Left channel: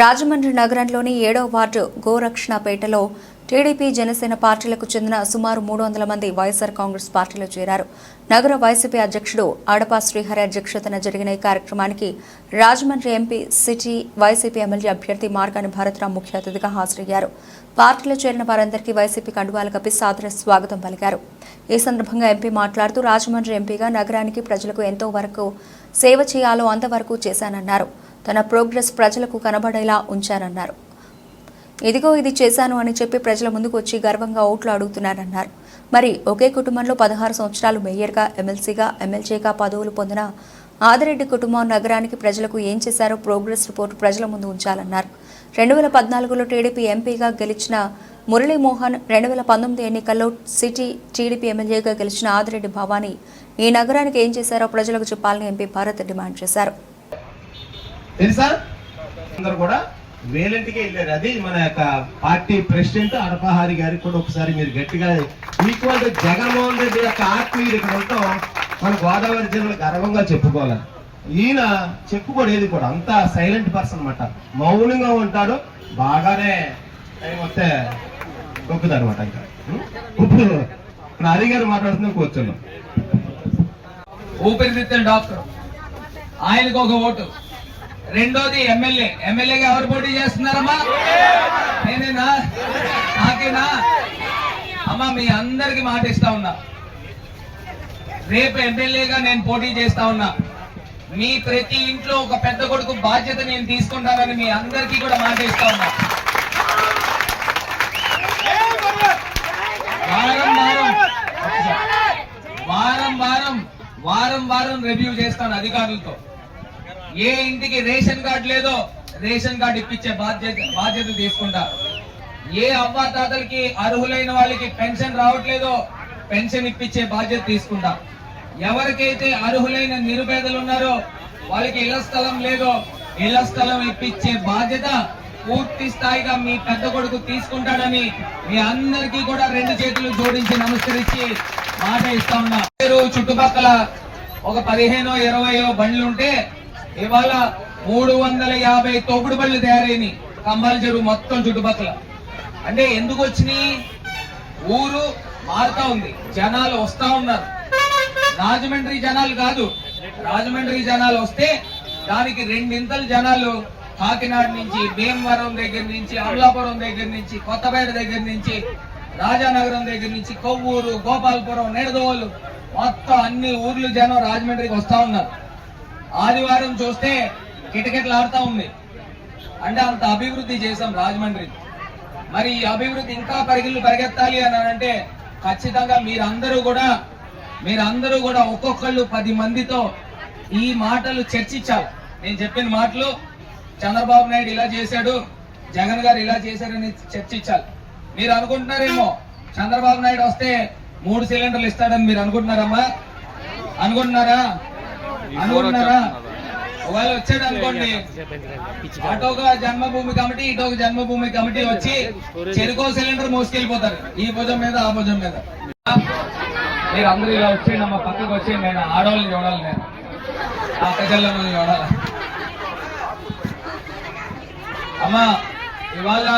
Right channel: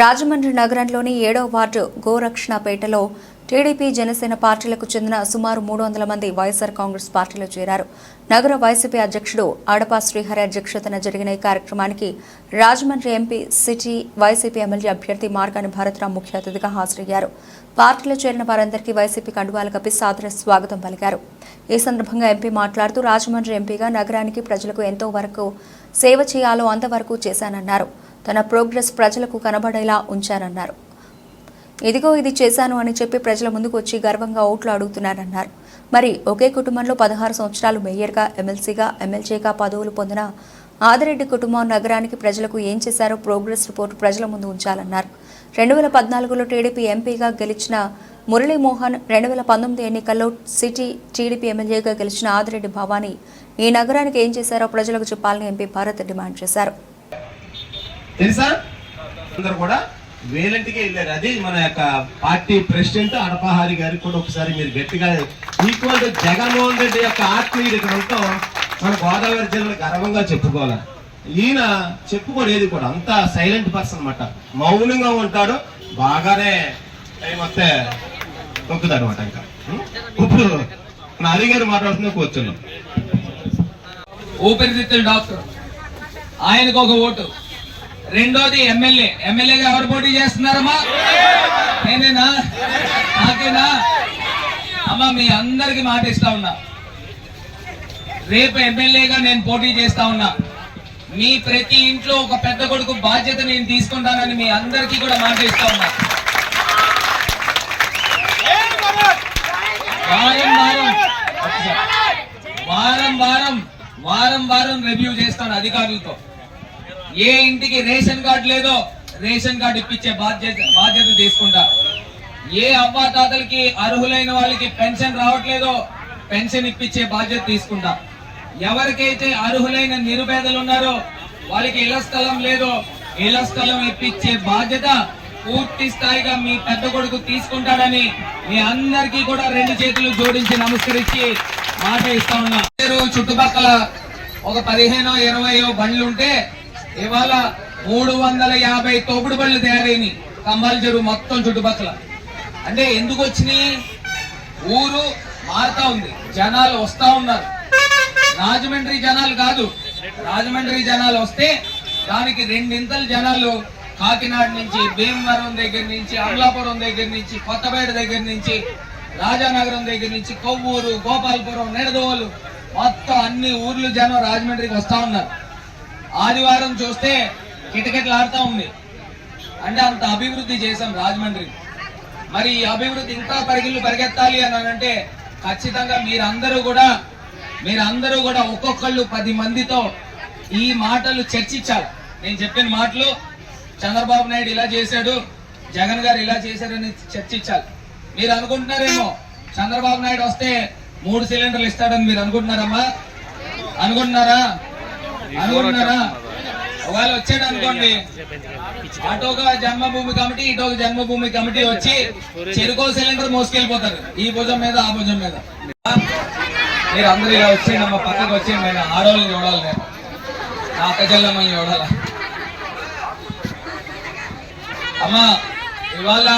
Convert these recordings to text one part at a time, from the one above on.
రాజమండ్రి నగరంలోని ఏడో ward గోరక్షణపేటలో TDP Janasena పార్టీలకు చెందిన సుమారు మూడు వందల మంది వైఎస్ఆర్ కాంగ్రెస్ పార్టీలో చేరారు. నగర వైసీపీ అధ్యక్షుడు ఆడపా శ్రీహరి అధ్యక్షతన జరిగిన ఈ కార్యక్రమానికి Rajahmundry MP city YCP MLA అభ్యర్థి మార్గాని భారతరావు ముఖ్య అతిథిగా హాజరయ్యారు. పార్టీలో చేరిన వారందరికీ వైసీపీ కండువాలు కప్పి సాదర స్వాగతం పలికారు. ఈ సందర్భంగా ఎంపీ మాట్లాడుతూ రాజమండ్రి ఎంపీగా నగరానికి ప్రజలకు ఎంతో వరకు సేవ చేయాలో అంతవరకు చేశానన్నారు. తన ప్రోగ్రెస్ ప్రజలకు కనబడేలా ఉంచారన్నారు. ఇదిగో ఇది చేశాను అని చెప్పి ప్రజల ముందుకు వచ్చి గర్వంగా ఓట్లు అడుగుతున్నారన్నారు. మరి ఒకే కుటుంబంలో పదహారు సంవత్సరాలు మేయర్గా ఎమ్మెల్సీగా ఎమ్మెల్యేగా పదవులు పొందిన ఆదిరెడ్డి కుటుంబం నగరానికి ప్రజలకు ఏం చేశారో ప్రోగ్రెస్ రిపోర్టు ప్రజల ముందు ఉంచాలన్నారు. రెండు వేల పద్నాలుగులో టీడీపీ ఎంపీగా గెలిచిన మురళీమోహన్ రెండు వేల పంతొమ్మిది ఎన్నికల్లో సిటీ టీడీపీ ఎమ్మెల్యేగా గెలిచిన ఆదిరెడ్డి భవానీ ఈ నగరానికి ఏం చేశారో ప్రజలకు చెప్పాలని ఎంపీ భారత్ డిమాండ్ చేశారు. తెలుసా? అందరు కూడా వేలంటికి వెళ్ళారు. అది మన యొక్క పార్టీ ప్రెసిడెంట్ అడపహారి గారికి కూడా ఒకసారి మీరు గట్టిగా ఈక్వల్ జగన్మోహన్ రెడ్డి యొక్క ఆత్మీయుడు మన గోదావరి జిల్లా గర్వంగా చెప్పుకోవాలి? ఈయన చెప్పుకోలేదు కూడా. అంత సైలెంట్ పర్సన్ అన్నమాట. మౌనంగా ఉంటాడు. బాగానే టైం వస్తే తొక్కుతాడు అనమాట ఇంకా ఇప్పుడు హరి గారు మాట్లాడుతున్నా కూర్చున్నాం. ఊపిరితిత్తుల డాక్టర్. ఆయనకు ఒక ఓటు. రెండోది ఎమ్మెల్యే. ఎమ్మెల్యేగా ఎవరు పోటీ చేస్తున్నారమ్మా? నేనేనా? నాకేనా? అమ్మా మీ అందరికి మాట ఇస్తా ఉన్నా. రేపు ఎమ్మెల్యేగా నేను పోటీ చేస్తా ఉన్నా. మీ ప్రతి ఇంట్లో ఒక పెద్ద కొడుకు బాధ్యత నేను తీసుకుంటానని మీ అందరికీ కూడా మాట ఇస్తా ఉన్నా. వారం వారం. వారం వారం. వారం వారం రివ్యూ చేస్తాను అధికారులతో. ఏ ఇంటికి రేషన్ కార్డు లేదో రేషన్ కార్డు ఇప్పించే బాధ్యత బాధ్యత తీసుకుంటా. ఏ అవ్వాతాతలకి అర్హులైన వాళ్ళకి పెన్షన్ రావట్లేదో పెన్షన్ ఇప్పించే బాధ్యత తీసుకుంటా. ఎవరికైతే అర్హులైన నిరుపేదలు ఉన్నారో వాళ్ళకి ఇళ్ళ స్థలం లేదో ఇళ్ళ స్థలం ఇప్పించే బాధ్యత పూర్తి స్థాయిగా మీ పెద్ద కొడుకు తీసుకుంటాడని మీ అందరికీ కూడా రెండు చేతులు జోడించి నమస్కరించి మాట ఇస్తా ఉన్నా. చుట్టుపక్కల ఒక పదిహేనో ఇరవయో బండ్లు ఉంటే ఇవాళ మూడు వందల యాభై తోపుడు బళ్ళు తయారైనాయి. కంబాల చెరువు మొత్తం చుట్టుపక్కల. అంటే ఎందుకు వచ్చినాయి? ఊరు మారుతా ఉంది. జనాలు వస్తా ఉన్నారు. రాజమండ్రి జనాలు కాదు. రాజమండ్రి జనాలు వస్తే దానికి రెండింతలు జనాలు కాకినాడ నుంచి భీమవరం దగ్గర నుంచి అమలాపురం దగ్గర నుంచి కొత్తపేట దగ్గర నుంచి రాజానగరం దగ్గర నుంచి కొవ్వూరు గోపాలపురం నిడదోలు మొత్తం అన్ని ఊర్లు జనం రాజమండ్రికి వస్తా ఉన్నారు. ఆదివారం చూస్తే కిటకిటలాడుతూ ఉంది. అంటే అంత అభివృద్ధి చేశాం రాజమండ్రి. మరి ఈ అభివృద్ధి ఇంకా పరిగిళ్ళు పరిగెత్తాలి అని అంటే ఖచ్చితంగా మీరందరూ కూడా మీరందరూ కూడా ఒక్కొక్కళ్ళు పది మందితో ఈ మాటలు చర్చించాలి. నేను చెప్పిన మాటలు చంద్రబాబు నాయుడు ఇలా చేశాడు జగన్ గారు ఇలా చేశారని చర్చించాలి. మీరు అనుకుంటున్నారేమో చంద్రబాబు నాయుడు వస్తే మూడు సిలిండర్లు ఇస్తాడని మీరు అనుకుంటున్నారమ్మా? అనుకుంటున్నారా? అనుకున్నారా ఒకవేళ వచ్చాడు అనుకోండి. అటోగా జన్మభూమి కమిటీ ఇటోక జన్మభూమి కమిటీ వచ్చి చెరుకో సిలిండర్ మోసుకెళ్ళిపోతారు. ఈ భుజం మీద ఆ భుజం మీద. మీరు అందరూ ఇలా వచ్చి నమ్మ పక్కకు వచ్చి నేను ఆడవాళ్ళని చూడాలి నేను. ఆ కజల్లమ్మల్ని చూడాలి. అమ్మా ఇవాళ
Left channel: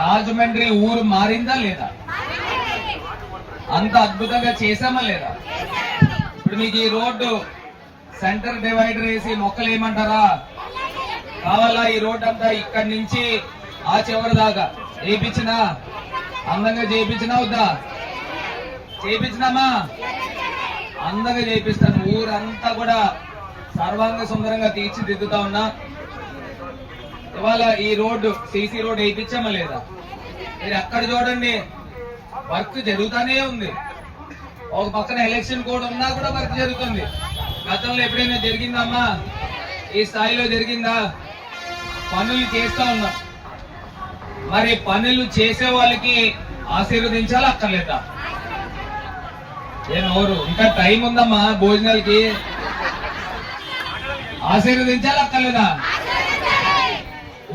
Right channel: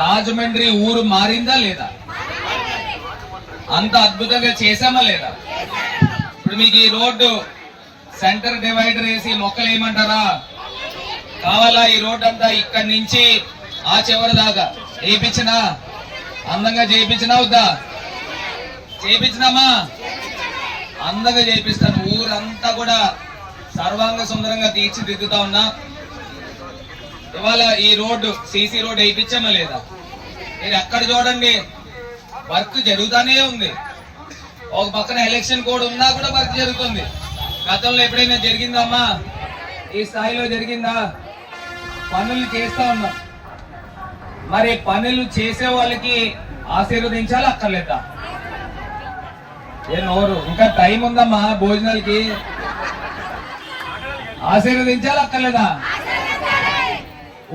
రాజమండ్రి ఊరు మారిందా లేదా? అంత అద్భుతంగా చేశామా లేదా? ఇప్పుడు మీకు ఈ రోడ్డు సెంటర్ డివైడర్ వేసి మొక్కలు ఏమంటారా కావాలా ఈ రోడ్ అంతా ఇక్కడి నుంచి ఆ చివరి దాకా? వేయించినా అందంగా చేయించినా వద్దా? చేయించినామా అందంగా చేపిస్తాను. ఊరంతా కూడా సర్వాంగ సుందరంగా తీర్చిదిద్దుతా ఉన్నా. ఇవాళ ఈ రోడ్డు సీసీ రోడ్ వేయించామా లేదా? మీరు ఎక్కడ చూడండి వర్క్ జరుగుతానే ఉంది. ఒక పక్కన ఎలక్షన్ కోడ్ ఉన్నా కూడా వర్క్ జరుగుతుంది. గతంలో ఎప్పుడైనా జరిగిందమ్మా? ఈ స్థాయిలో జరిగిందా? పనులు చేస్తా ఉన్నాం. మరి పనులు చేసే వాళ్ళకి ఆశీర్వదించాలి అక్కర్లేదా? ఏ నోరు ఇంకా టైం ఉందమ్మా భోజనాలకి. ఆశీర్వదించాలా అక్కర్లేదా?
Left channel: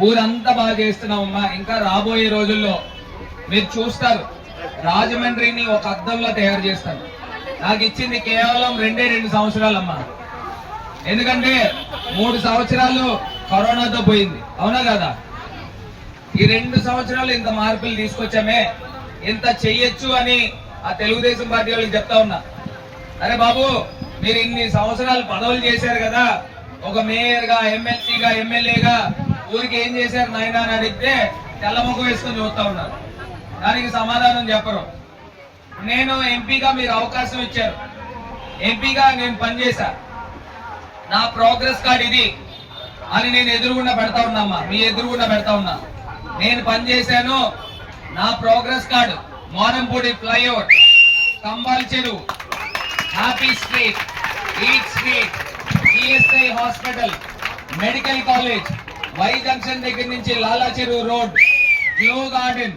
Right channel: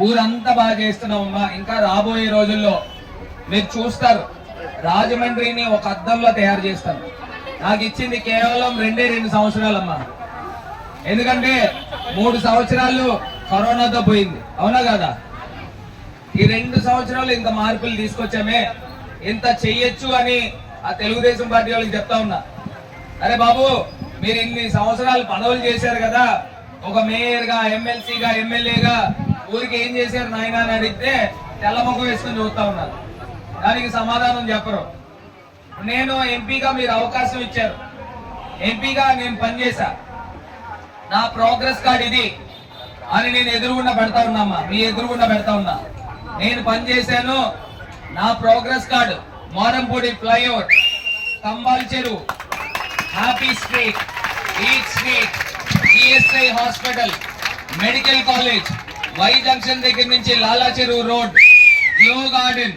ఊరంతా బాగా చేస్తున్నామమ్మా ఇంకా రాబోయే రోజుల్లో మీరు చూస్తారు రాజమండ్రిని ఒక అద్దంలో తయారు చేస్తాను నాకు ఇచ్చింది కేవలం రెండే రెండు సంవత్సరాలమ్మా. ఎందుకంటే మూడు సంవత్సరాలు కరోనాతో పోయింది. అవునా కదా? ఈ రెండు సంవత్సరాలు ఇంత మార్పులు తీసుకొచ్చామే. ఇంత చెయ్యొచ్చు అని ఆ తెలుగుదేశం పార్టీ వాళ్ళకి చెప్తా ఉన్నా. అరే బాబు మీరు ఇన్ని సంవత్సరాలు పదవులు చేశారు కదా. ఒక మేయర్గా ఎమ్మెల్సీగా ఎమ్మెల్యేగా ఊరికి ఏం చేశారు నాయన అని అడిగితే తెల్లముఖం వేసుకొని చూస్తా ఉన్నారు. దానికి సమాధానం చెప్పరు. నేను ఎంపీగా మీరు అవకాశం ఇచ్చారు. ఎంపీగా నేను పనిచేశా. నా ప్రోగ్రెస్ కార్డ్ ఇది అని నేను ఎదురుగుండా పెడతా ఉన్నామా మీ ఎదురుగుండా పెడతా ఉన్నా. నేను పనిచేశాను. నా progress card Morampudi flyover Kambal చెరువు happy street eat street ESI hospital medical college Y junction దగ్గర నుంచి లాలా చెరువు road glow garden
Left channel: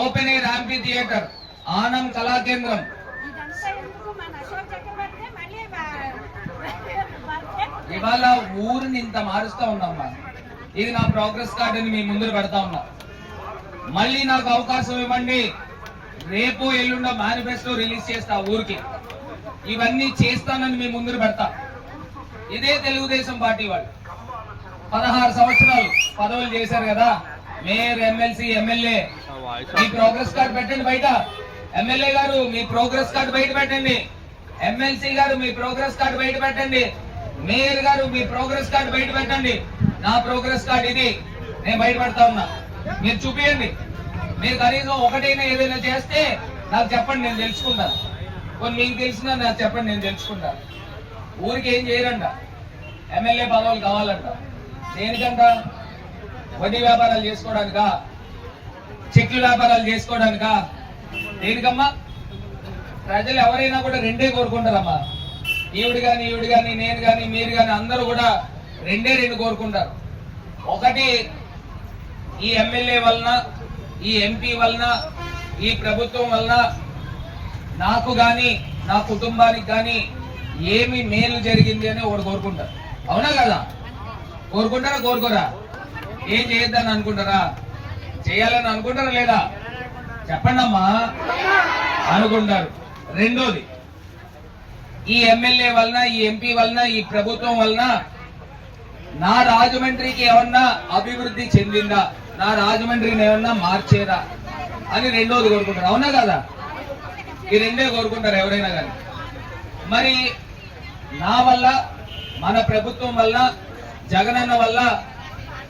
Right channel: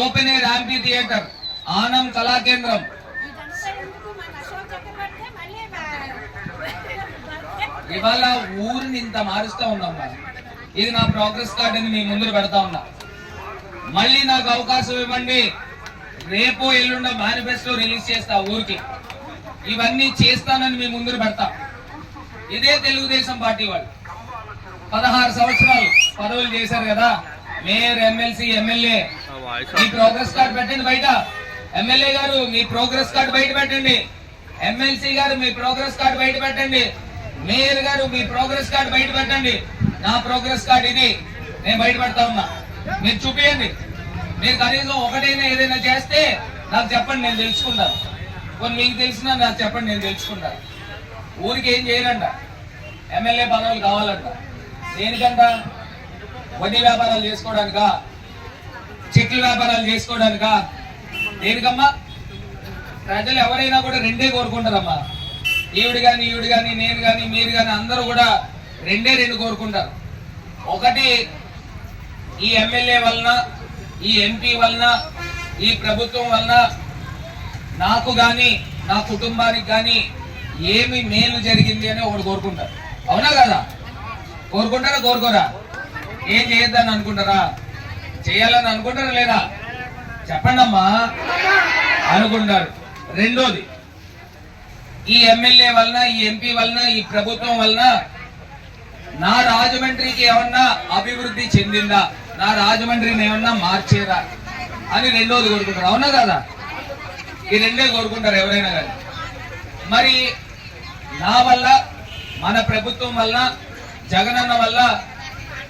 open air amphitheatre Anam Kala Kendram ఇదంతా ఎందుకు? మన అశోక్ చక్రవర్తి మళ్ళీ బర్త్డే ఇవాళ ఊరిని ఇంత మారుస్తా ఉన్నామ్మా ఇది నా ప్రోగ్రెస్ కార్డ్ అని మీ ముందు పెడతా ఉన్నా. మళ్ళీ నాకు అవకాశం ఇవ్వండి. రేపు ఎల్లుండ మేనిఫెస్టో రిలీజ్ చేస్తా ఊరికి. ఇవన్నీ చేస్తానని మీ ముందు పెడతా. ఇదే తెలుగుదేశం పార్టీ వాళ్ళు. పదహారు సంవత్సరాలు పదవులు చేశారు కదా. Mayor MLC MLA. మీ ప్రోగ్రెస్ కార్డ్ పెట్టండి బయట. ఎమ్మెల్యే గారు మీ ప్రోగ్రెస్ కార్డు బయట పెట్టండి. ఎమ్మెల్సీ గారు మీ ప్రోగ్రెస్ కార్డు బయట పెట్టండి. మేయర్ గారు మీ ప్రోగ్రెస్ కార్డు బయట పెట్టండి. నా ప్రోగ్రెస్ కార్డు ఇది. నేను బయట పెడతా ఉన్నా. మీరు చూపించండి మీరు కనీసం ఒకటైనా ఏదైనా చేస్తే నాకు చెప్పండి నేను తెలుసుకుంటాను కొన్ని మీకు తెలిసినా నాకు చెప్పండి నేను తెలుసుకుంటాను ఊరికి ఏం చేయరంట? ఎమ్మెల్యే పదవులు కావాలంట. దేనికంట? వడ్డీ వ్యాపారాలు చేసుకోవడానికా? చెక్ల వ్యాపారాలు చేసుకోవడానికా? దేనికమ్మా? ప్రజలు ఎవరైనా కూడా రెండే కోరుకుంటారమ్మా. ఈవిడ కానీ ఈవిడ కానీ నేను కానీ మీరు కానీ అందరూ కూడా రెండే రెండు కోరుకుంటారు. ఒకటి ఈ ఎమ్మెల్యే వలన ఈ ఎంపీ వలన ఈ ప్రభుత్వం వలన నాకు కానీ నా కుటుంబానికి కానీ ఏమి మేలు జరిగింది అని ఒకటి కోరుకుంటారు. అవునా కదా? కోరుకుంటారా కోరుకోరా? ఏం చేయొద్దని అనుకుంటారా? చేయాలని అనుకుంటారా లేదా? చెప్పండమ్మా. అనుకుంటారు. రెండోది ఈ ఎమ్మెల్యే వలన ఈ ఎంపీ వలన ఈ ప్రభుత్వం వలన నా రాజమండ్రికి ఏమన్నా అభివృద్ధి చెందిందా? నా రాజమండ్రిని ఏమన్నా మార్చేదా? అని రెండోది కోరుకుంటారు. అవునా కదా? ఈ రెండే కోరుకుంటారు ఎవరైనా కానీ. మరి నా వల్ల మన ప్రభుత్వం వల్ల జగనన్న వల్ల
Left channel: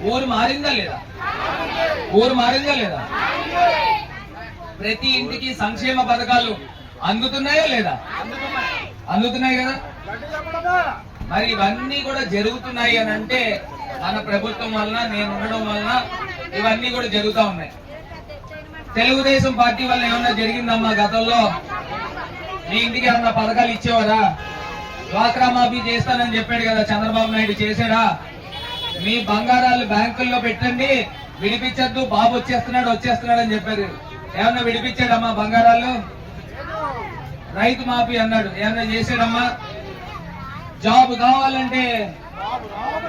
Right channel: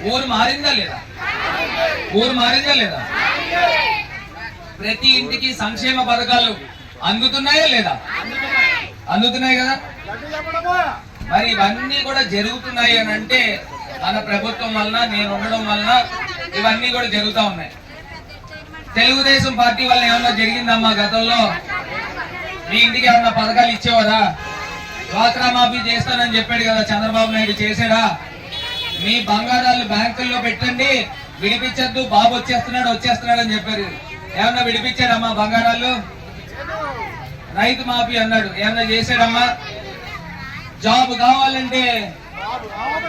ఊరు మారిందా లేదా? ఊరు మారిందా లేదా? ప్రతి ఇంటికి సంక్షేమ పథకాలు అందుతున్నాయా లేదా? అందుతున్నాయి కదా. మరి ఇవన్నీ కూడా జరుగుతున్నాయి అని అంటే మన ప్రభుత్వం వలన నేను ఉండడం వలన ఇవన్నీ కూడా జరుగుతా ఉన్నాయి. తెలుగుదేశం పార్టీ వల్ల ఏమన్నా జరిగిందమ్మా గతంలో? మీ ఇంటికి ఏమన్నా పథకాలు ఇచ్చేవారా? డ్వాక్రా మాఫీ చేస్తానని చెప్పాడు కదా చంద్రబాబు నాయుడు చేశాడా? మీ బంగారాలు బ్యాంకుల్లో పెట్టండి విడిపించద్దు బాబు వచ్చేస్తున్నాడు వచ్చేస్తున్నాడు అని చెప్పారు. ఏమన్నా విడిపించాడమ్మా బంగారాలు? రైతు మాఫీ అన్నాడు. ఏమన్నా చేశాడమ్మా? జాబ్ కావాలంటే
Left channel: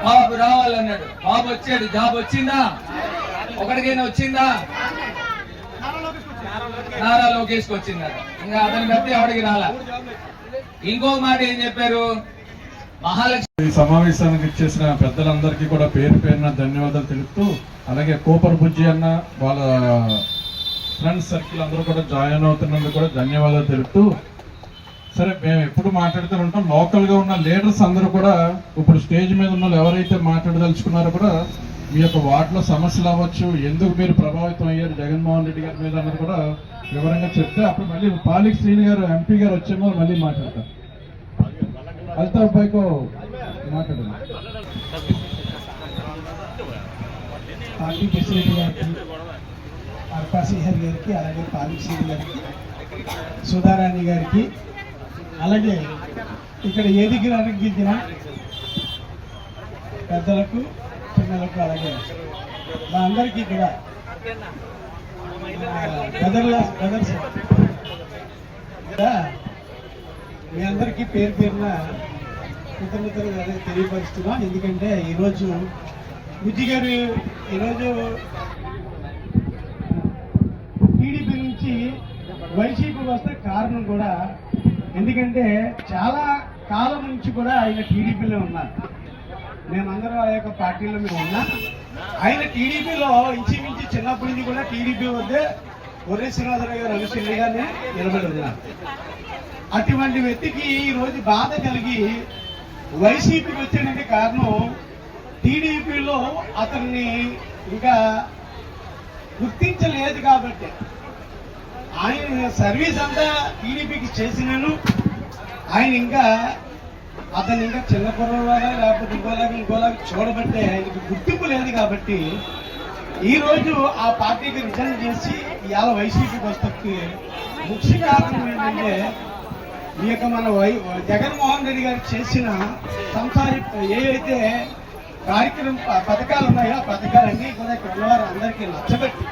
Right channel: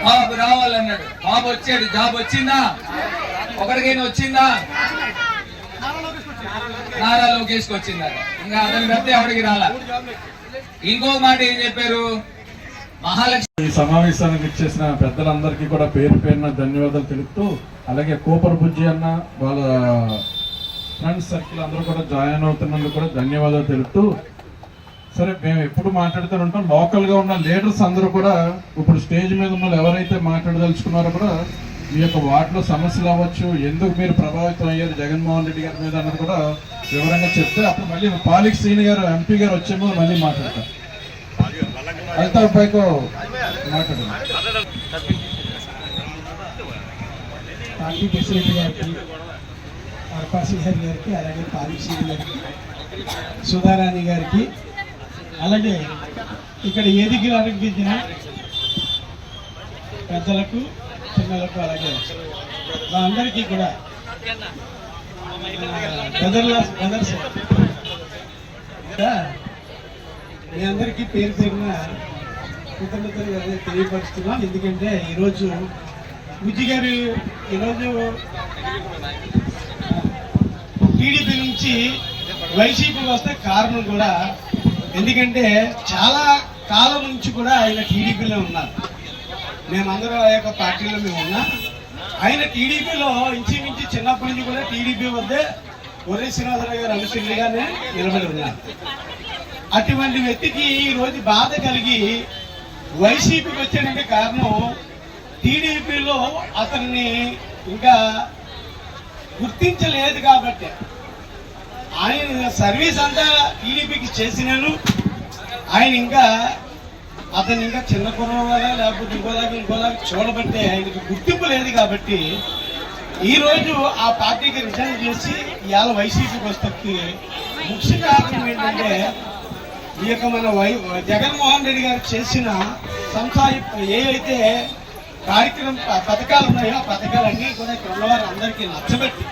బాబు రావాలన్నాడు. బాబు వచ్చాడు. జాబ్ వచ్చిందా? ఒకటికైనా వచ్చిందా? నారా లోకేష్ వచ్చిందా? ఇంకా అతను పెడితే ఎవరికి రాలా? ఇంకో మాట ఏం చెప్పారు? మహాలక్ష్మి సమావేశానికి ఇచ్చేసిన పెద్దలందరికీ కూడా పేరు పేరున ధన్యవాదాలు తెలుపుతూ అలాగే కూపర్ బుజ్జి అన్న వాళ్ళ ఫ్రెండ్స్ సర్కిల్ అందరూ కూడా జాయిన్ అవుతున్నందుకు కూడా ధన్యవాదాలు తెలుపుతూ సరే మేము ఎప్పుడు మాట్లాడుతూ ఉంటాం. లోకల్గా ఉన్న లీడర్స్ అందరూ కూడా ఇప్పుడు స్టేజ్ మీద ఉన్న ఎవరైతే మాట్లాడదలుచుకున్నారో కూడా మీ యొక్క వార్డులో సమస్యలు అవ్వచ్చు ఎందుకు మీరు ప్రభావితం అయ్యారు జగన్మోహన్ రెడ్డి గారి మీద అన్నది కూడా వివరంగా చెప్తే అప్పుడు మళ్ళీ పాలిక్ శ్రీని గారు ఎంపీ గారు వచ్చే ముందు మళ్ళీ మాట్లాడతారు. అల్తాఫ్ పైకి మాట్లాడండి. పార్టీ ప్రెసిడెంట్ గారికి అర్పా గారికి అలాగే పాలిక్ గారికి సుధారాణి గారికి అలాగే ఇక్కడ ఏదికి అనిపించిన పెద్దలకు పిల్లలకు అలాగే మా అందరికీ కూడా బ్రదర్లాస్ బ్రదర్స్ మీ అందరికీ పేరు పేరున కృతజ్ఞతలు అదే తెలియపరుస్తున్నాం. ఎందుకంటే ఈరోజు బుజ్జి గారు ఈరోజు నుంచి వైసీపీ వస్తే కారణం కూడా ఎందుకంటే చాలా కాలం నుంచి కూడా ఆయన టీడీపీలో ఉన్నారు. మేమందరం ఆ యొక్క పార్టీలో మేము ఉన్నాం. ఆయన టీడీపీలో ఇంచుమించి చిన్నప్పటి నుంచి కూడా టీడీపీ వద్దే ఒరే శ్రీనివాసరావు గారు అనుసరిగానే నిలబడి ఉన్నారు. అటువంటి వ్యక్తికి ఈరోజు బాధ కలిగి వైసీపీకి వచ్చాడంటే కారణం టీడీపీలో అతన్ని ఇంకా గుర్తించలేదు కాబట్టి. ఆయన సర్వీస్ అంతా టీడీపీకి చేసినాను. ఆయన ఇంకా అతను ఇంకా చిన్న కుర్రవాడా లేకపోతే ఇంకోలాగా ఇంకోలాగా చూడబట్టే ఆయనకి గుర్తింపు లేదు కాబట్టి ఈరోజు ఆ పార్టీకి రిటర్న్ చేసి ఇవాళ వైసీపీకి వస్తే ముఖ్య కారణం ఏంటంటే ఈ యొక్క మన వై జగన్మోహన్ రెడ్డి గారు చేసిన సంస్థాయి ఏవైతే కార్యక్రమ పథకాలు ఉన్నాయో ఆ పథకాలన్నీ కూడా ఇక్కడ ఉన్నవారు అందరికీ నచ్చబెట్టి.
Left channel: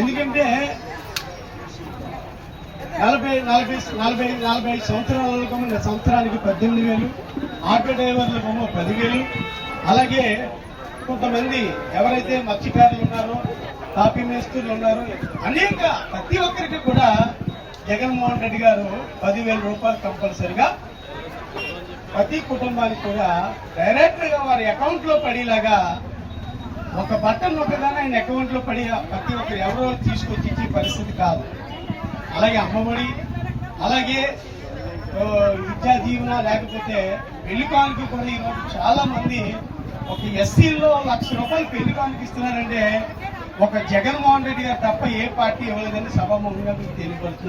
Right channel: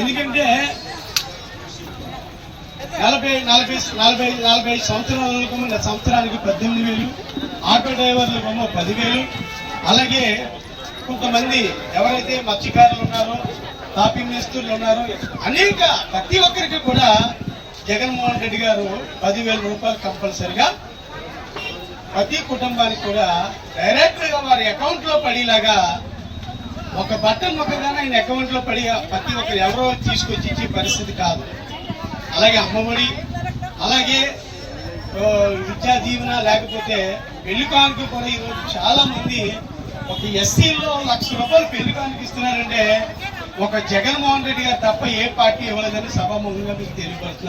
ఎందుకంటే నలభై నలభై నలభై నలభై ఐదు సంవత్సరాలకు ముందు సంవత్సరానికి పద్దెనిమిది వేలు. ఆటో డ్రైవర్లకు పదివేలు. అలాగే కొంతమంది ఎవరైతే మత్స్యకారులు ఉన్నారో కాఫీ మేస్తులు ఉన్నారో అనేక ప్రతి ఒక్కరికి కూడా జగన్మోహన్ రెడ్డి గారు పదివేల రూపాయలు కంపల్సరిగా ప్రతి కుటుంబానికి కూడా డైరెక్ట్గా వారి అకౌంట్లో పడేలాగా ఒక బట్టన్ ఒకదాన్ని ఆయన అకౌంట్లో పడి ప్రతి ఒక్కరు ఎవరో తీసుకొచ్చి ఇచ్చే పరిస్థితి కాదు. అలాగే అమ్మఒడి అలాగే విద్యా దీవెన లేకపోతే పెళ్ళికానికి కూడా ఈరోజు చాలా మంది ఒక ఎస్సీలో లక్ష రూపాయలు పెళ్ళికానికి ఇస్తున్నారంటే ఒక జగన్మోహన్ రెడ్డి గారు తప్ప ఏ పార్టీ ఇవ్వలేదని సభాముఖంగా మీకు తెలియపడుతున్నారు